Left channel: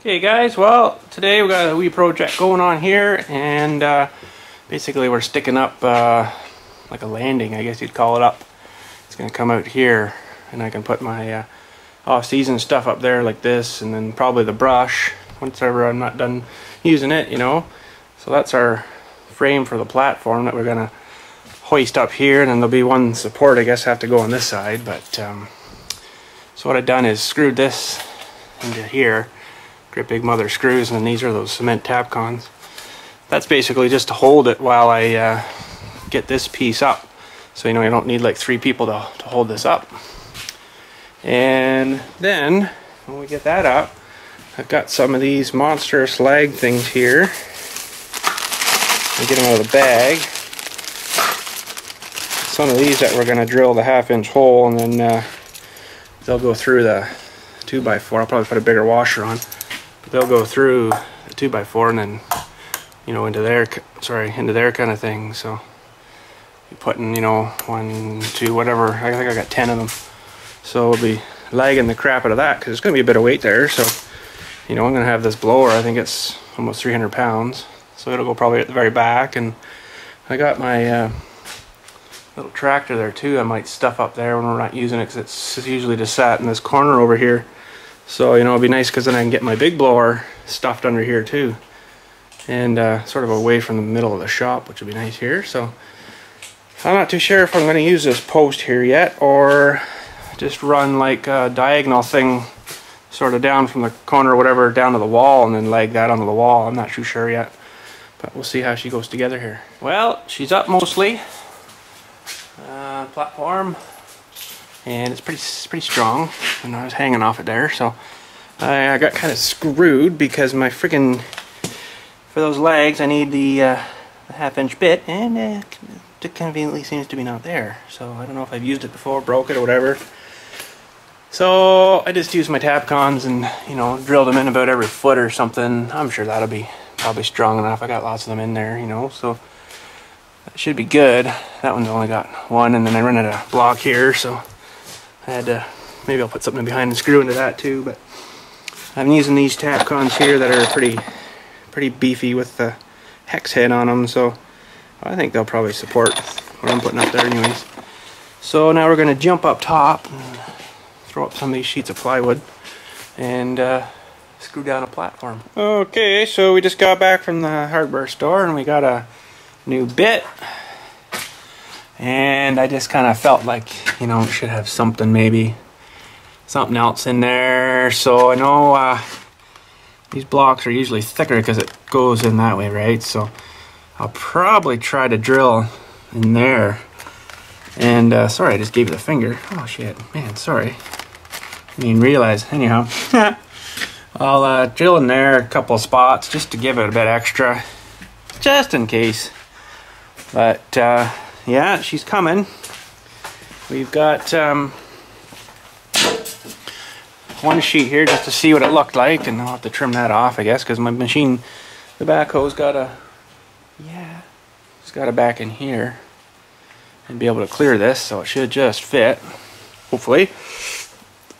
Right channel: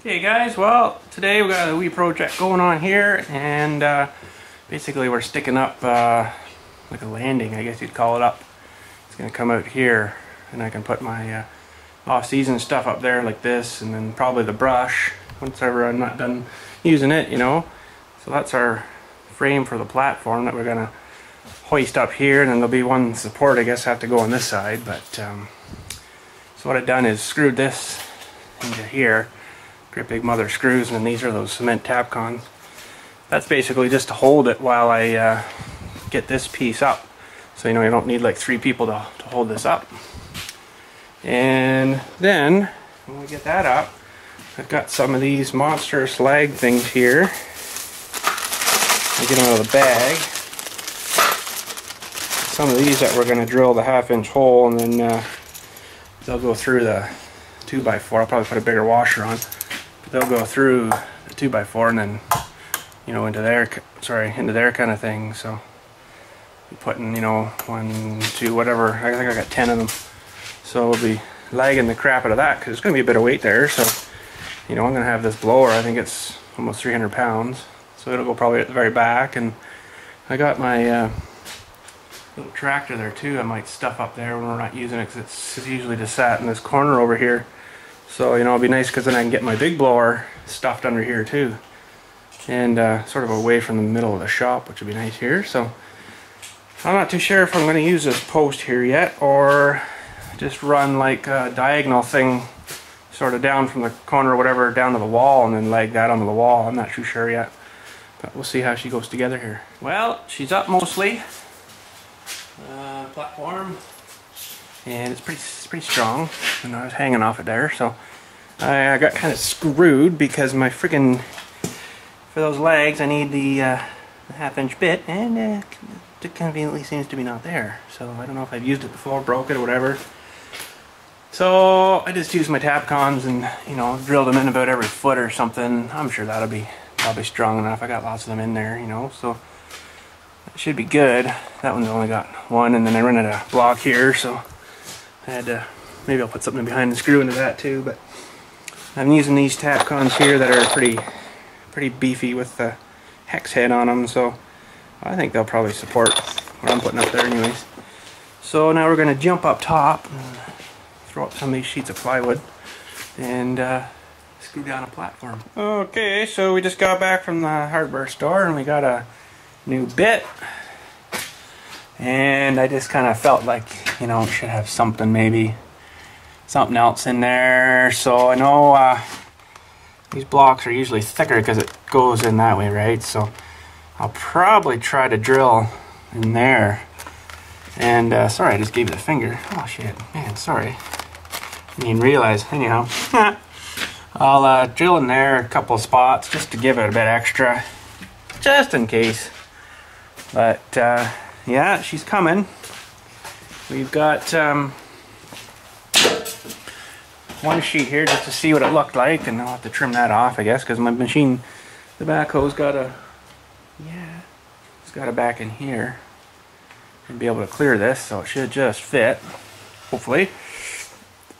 Okay guys, well today we've got a wee project going on here, and basically we're sticking up like a landing, I guess you'd call it, up. It's going to come out here and I can put my off-season stuff up there like this, and then probably the brush once I'm not done using it, you know. So that's our frame for the platform that we're going to hoist up here, and then there'll be one support I guess have to go on this side. But so what I've done is screwed this into here. Great big mother screws, and these are those cement Tapcons. That's basically just to hold it while I get this piece up. So you know, you don't need like 3 people to hold this up. And then when we get that up, I've got some of these monster slag things here. I'll get them out of the bag. Some of these that we're going to drill the 1/2-inch hole, and then they'll go through the 2x4. I'll probably put a bigger washer on. They'll go through the 2x4 and then, you know, into there kind of thing. So you're putting, you know, 1, 2, whatever. I think I got 10 of them. So we'll be lagging the crap out of that because there's going to be a bit of weight there. So, you know, I'm going to have this blower. I think it's almost 300 pounds. So it'll go probably at the very back. And I got my little tractor there too. I might stuff up there when we're not using it, because it's usually just sat in this corner over here. So, you know, it'd be nice because then I can get my big blower stuffed under here too, and sort of away from the middle of the shop, which would be nice here. So I'm not too sure if I'm going to use this post here yet, or just run like a diagonal thing sort of down from the corner or whatever down to the wall and then leg that onto the wall. I'm not too sure yet, but we'll see how she goes together here. Well, she's up mostly. Platform, and it's pretty strong, and I was hanging off it there, so I got kind of screwed because my freaking, for those legs I need the 1/2-inch bit, and it conveniently seems to be not there. So I don't know if I've used it before, broke it or whatever. So I just used my Tapcons and, you know, drilled them in about every foot or something. I'm sure that'll be probably strong enough. I got lots of them in there, you know, so that should be good. That one's only got 1, and then I rented a block here, so I had to, maybe I'll put something behind the screw into that too. But I'm using these Tapcons here that are pretty beefy with the hex head on them, so I think they'll probably support what I'm putting up there anyways. So now we're going to jump up top and throw up some of these sheets of plywood and screw down a platform. Okay, so we just got back from the hardware store and we got a new bit, and I just kind of felt like, you know, should have something else in there. So I know these blocks are usually thicker because it goes in that way, right? So I'll probably try to drill in there. And sorry, I just gave you the finger. Oh shit, man, sorry. Didn't even realize. Anyhow, I'll drill in there a couple of spots just to give it a bit extra, just in case. But yeah, she's coming. We've got one sheet here just to see what it looked like, and I'll have to trim that off, I guess, because my machine, the backhoe's got it's got a back in here and be able to clear this, so it should just fit, hopefully.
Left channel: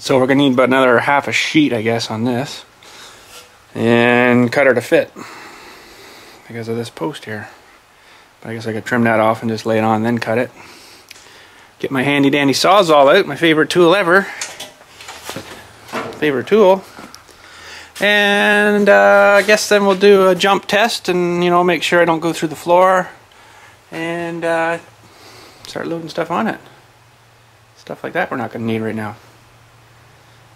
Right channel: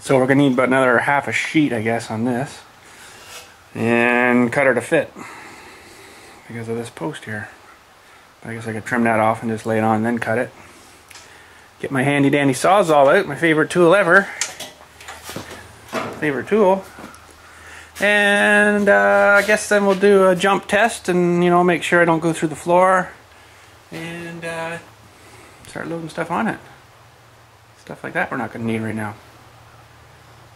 So we're gonna need about another 1/2 sheet, I guess, on this, and cut her to fit because of this post here. I guess I could trim that off and just lay it on and then cut it. Get my handy dandy Sawzall out, my favorite tool ever. Favorite tool. And I guess then we'll do a jump test and, you know, make sure I don't go through the floor, and start loading stuff on it. Stuff like that we're not going to need right now.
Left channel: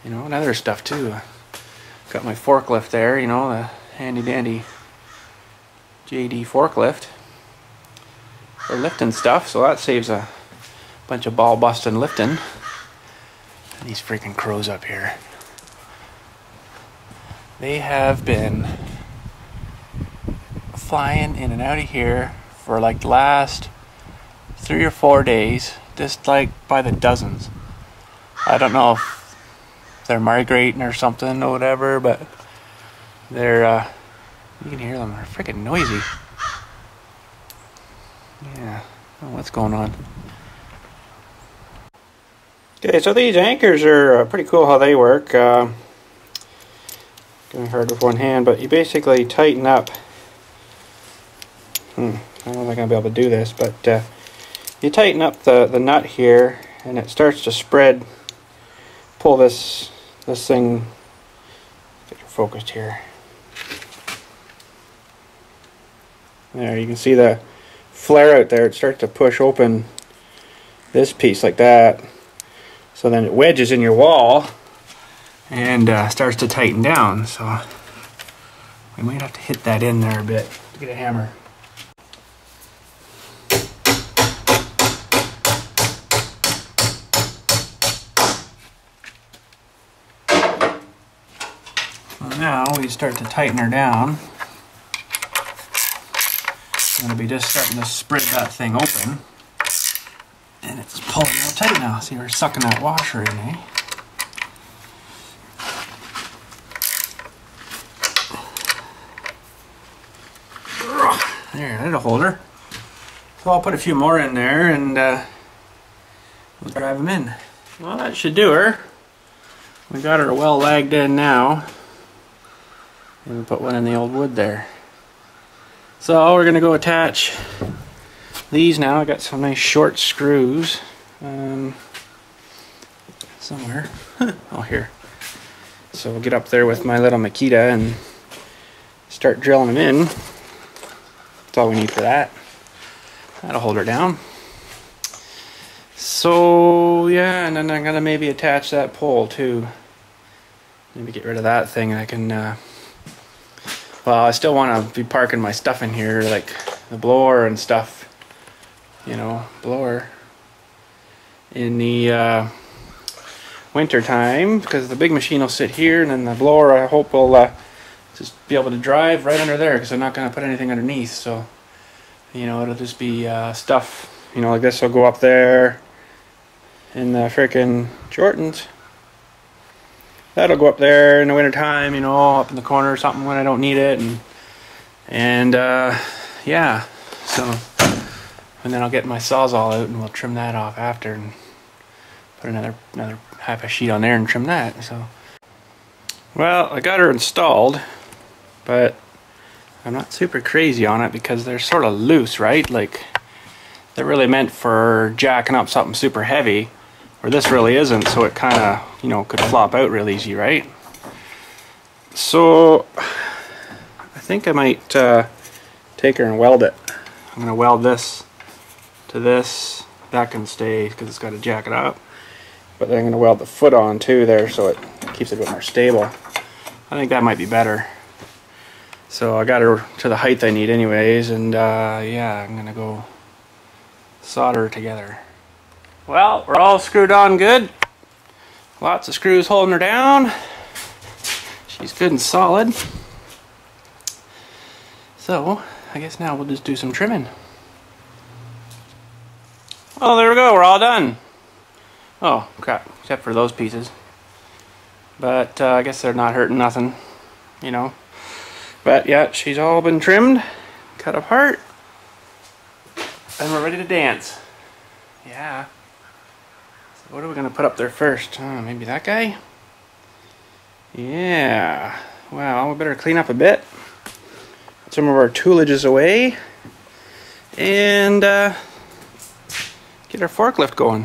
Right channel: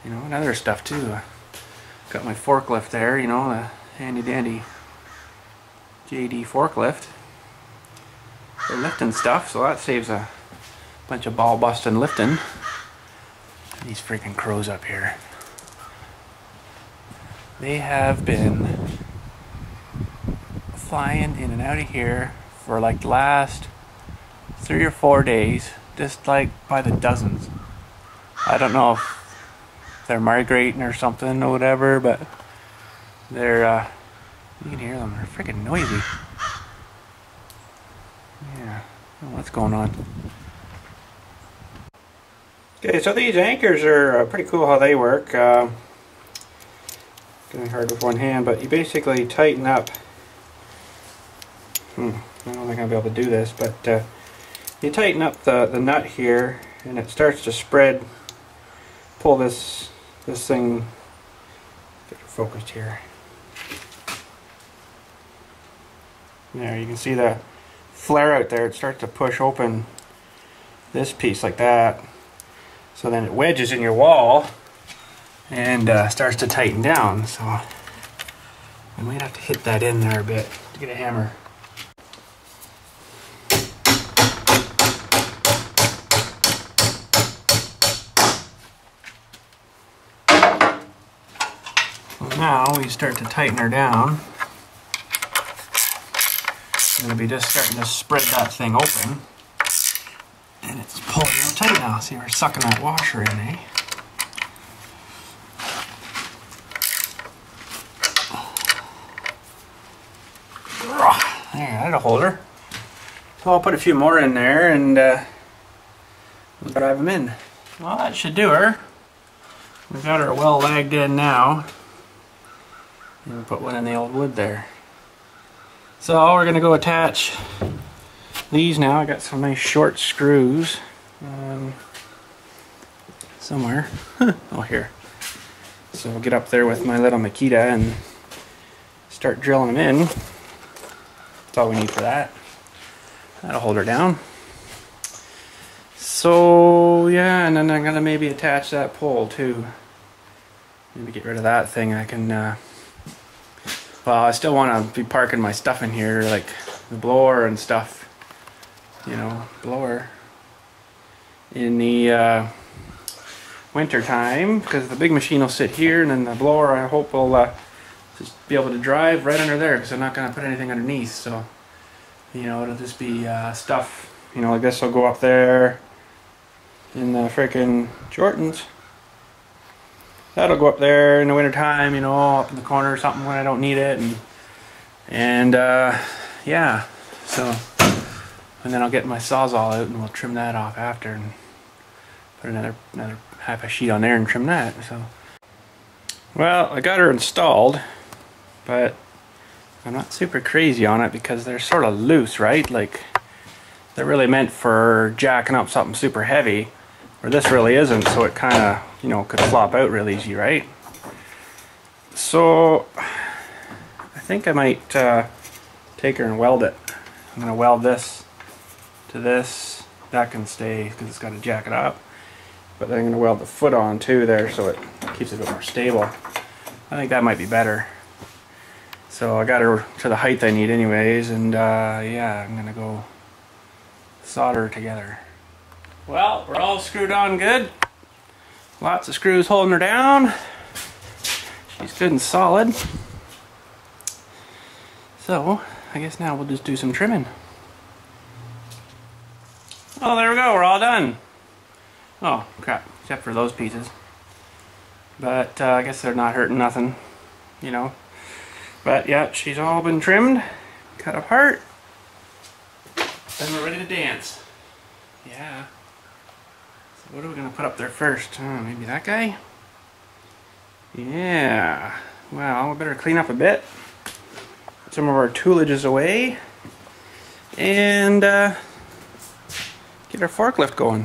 You know, and other stuff too. Got my forklift there, you know, a handy dandy JD forklift for lifting stuff, so that saves a bunch of ball busting lifting. These freaking crows up here, they have been flying in and out of here for like the last 3 or 4 days, just like by the dozens. I don't know if they're migrating or something or whatever, but they're you can hear them, they're freaking noisy. Yeah. Oh, what's going on? Okay, so these anchors are pretty cool how they work. doing hard with one hand, but you basically tighten up. I don't know if I'm going to be able to do this, but you tighten up the nut here, and it starts to spread. Pull this thing, get it focused here. There, you can see the flare out there. It starts to push open this piece like that. So then it wedges in your wall and starts to tighten down. So we might have to hit that in there a bit to get a hammer. Well, now we start to tighten her down. It'll be just starting to spread that thing open. And it's pulling real tight now. See, we're sucking that washer in, eh? There, that'll hold her. So I'll put a few more in there and we'll drive them in. Well, that should do her. We got her well lagged in now. And we put one in the old wood there. So we're gonna go attach these now. I got some nice short screws somewhere. Oh, here. So we'll get up there with my little Makita and start drilling them in. That's all we need for that. That'll hold her down. So yeah, and then I'm gonna maybe attach that pole too. Maybe get rid of that thing, and I can. Well, I still want to be parking my stuff in here, like the blower and stuff. You know, blower in the winter time, because the big machine will sit here, and the blower I hope will just be able to drive right under there, because I'm not going to put anything underneath. So, you know, it'll just be stuff. You know, like this will go up there in the frickin' Jordans. That'll go up there in the winter time, you know, up in the corner or something when I don't need it, and yeah. So, and then I'll get my sawzall out and we'll trim that off after and put another half a sheet on there and trim that. So, well, I got her installed, but I'm not super crazy on it because they're sort of loose, right? Like they're really meant for jacking up something super heavy. Or this really isn't, so it kind of, you know, could flop out real easy, right? So, I think I might take her and weld it. I'm going to weld this to this. That can stay because it's got to jack it up. But then I'm going to weld the foot on too there so it keeps it a bit more stable. I think that might be better. So I got her to the height I need anyways, and yeah, I'm going to go solder her together. Well, we're all screwed on good. Lots of screws holding her down. She's good and solid. So, I guess now we'll just do some trimming. Oh, there we go, we're all done. Oh, crap, except for those pieces. But I guess they're not hurting nothing, you know. But yeah, she's all been trimmed, cut apart, and we're ready to dance. Yeah. What are we going to put up there first? Maybe that guy? Yeah. Well, we better clean up a bit. Get some of our toolages away. And get our forklift going.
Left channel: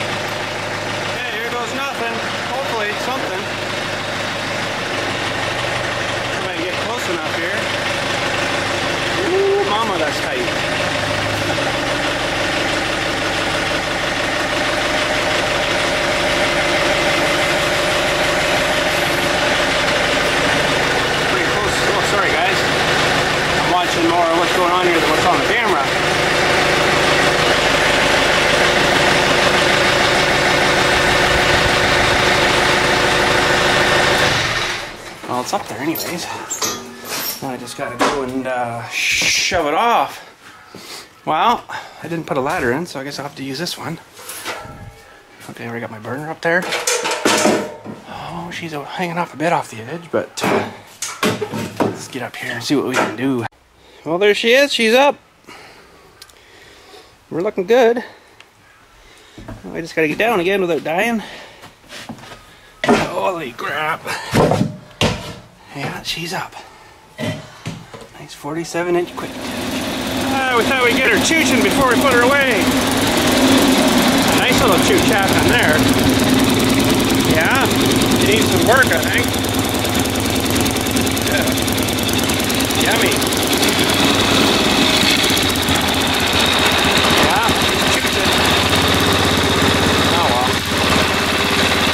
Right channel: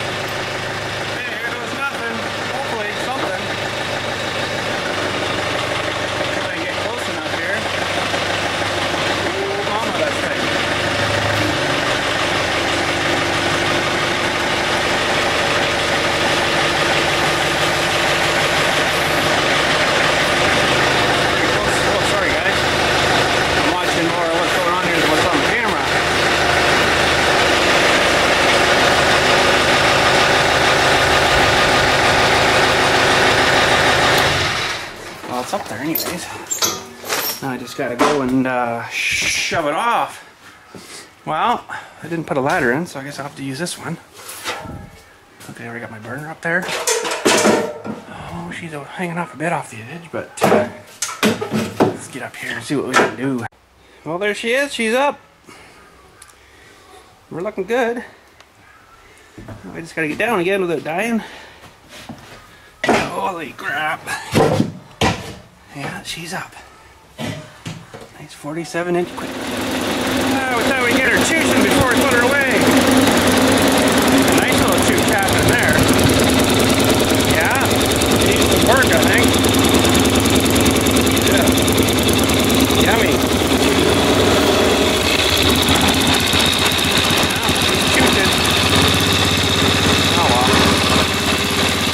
Hey, here goes nothing. Hopefully it's something. Try to get close enough here. Ooh, mama, that's tight. It's up there anyways. Now I just gotta go and shove it off. Well, I didn't put a ladder in, so I guess I'll have to use this one. Okay, I already got my burner up there. Oh, she's hanging off a bit off the edge, but let's get up here and see what we can do. Well, there she is. She's up. We're looking good. I just gotta get down again without dying. Oh. Holy crap. Yeah, she's up. Nice 47-inch quick. Oh, we thought we'd get her chasing before we put her away. Nice little two tap there. Yeah, decent work, I think. Yeah, she's chipped it. Oh well.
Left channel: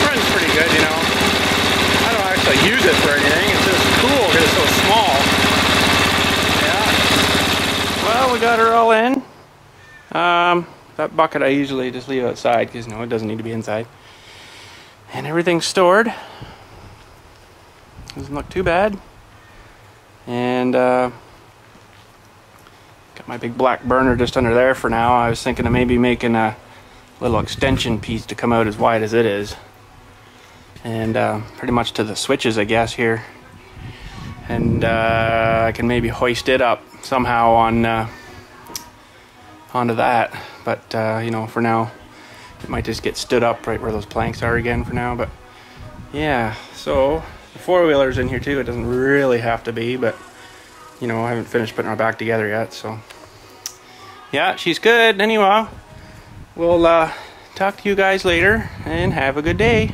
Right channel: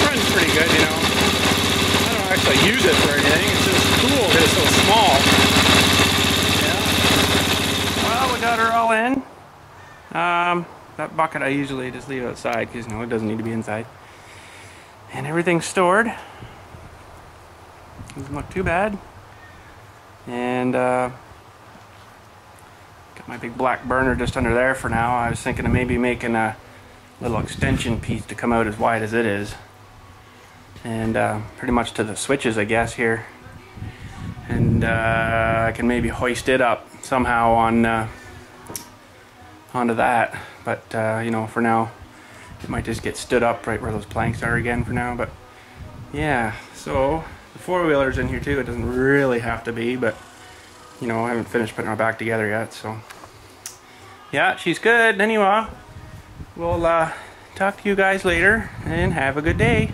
Runs pretty good, you know. I don't actually use it for anything. It's just cool because it's so small. That bucket I usually just leave outside because it doesn't need to be inside. And everything's stored. Doesn't look too bad. And got my big black burner just under there for now. I was thinking of maybe making a little extension piece to come out as wide as it is. And pretty much to the switches, I guess, here. And I can maybe hoist it up somehow on onto that, but you know, for now it might just get stood up right where those planks are again for now. But yeah, so the four-wheeler's in here too. It doesn't really have to be, but you know, I haven't finished putting her back together yet, so yeah, she's good. Anyway, we'll talk to you guys later and have a good day.